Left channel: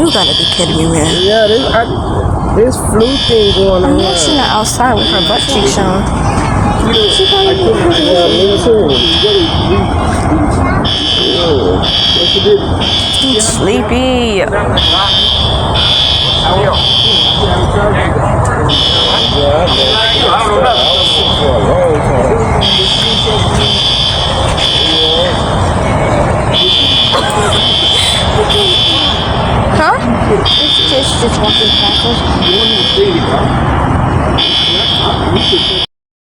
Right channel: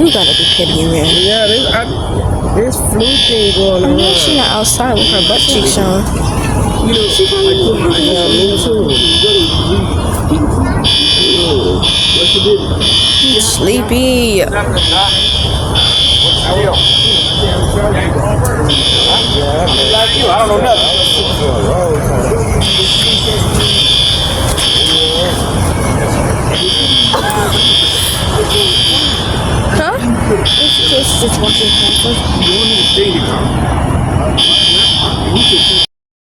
You gotta be kidding me, man. Yeah, this flu thing going on. I'm sitting outside with her butt cheeks on. Me too.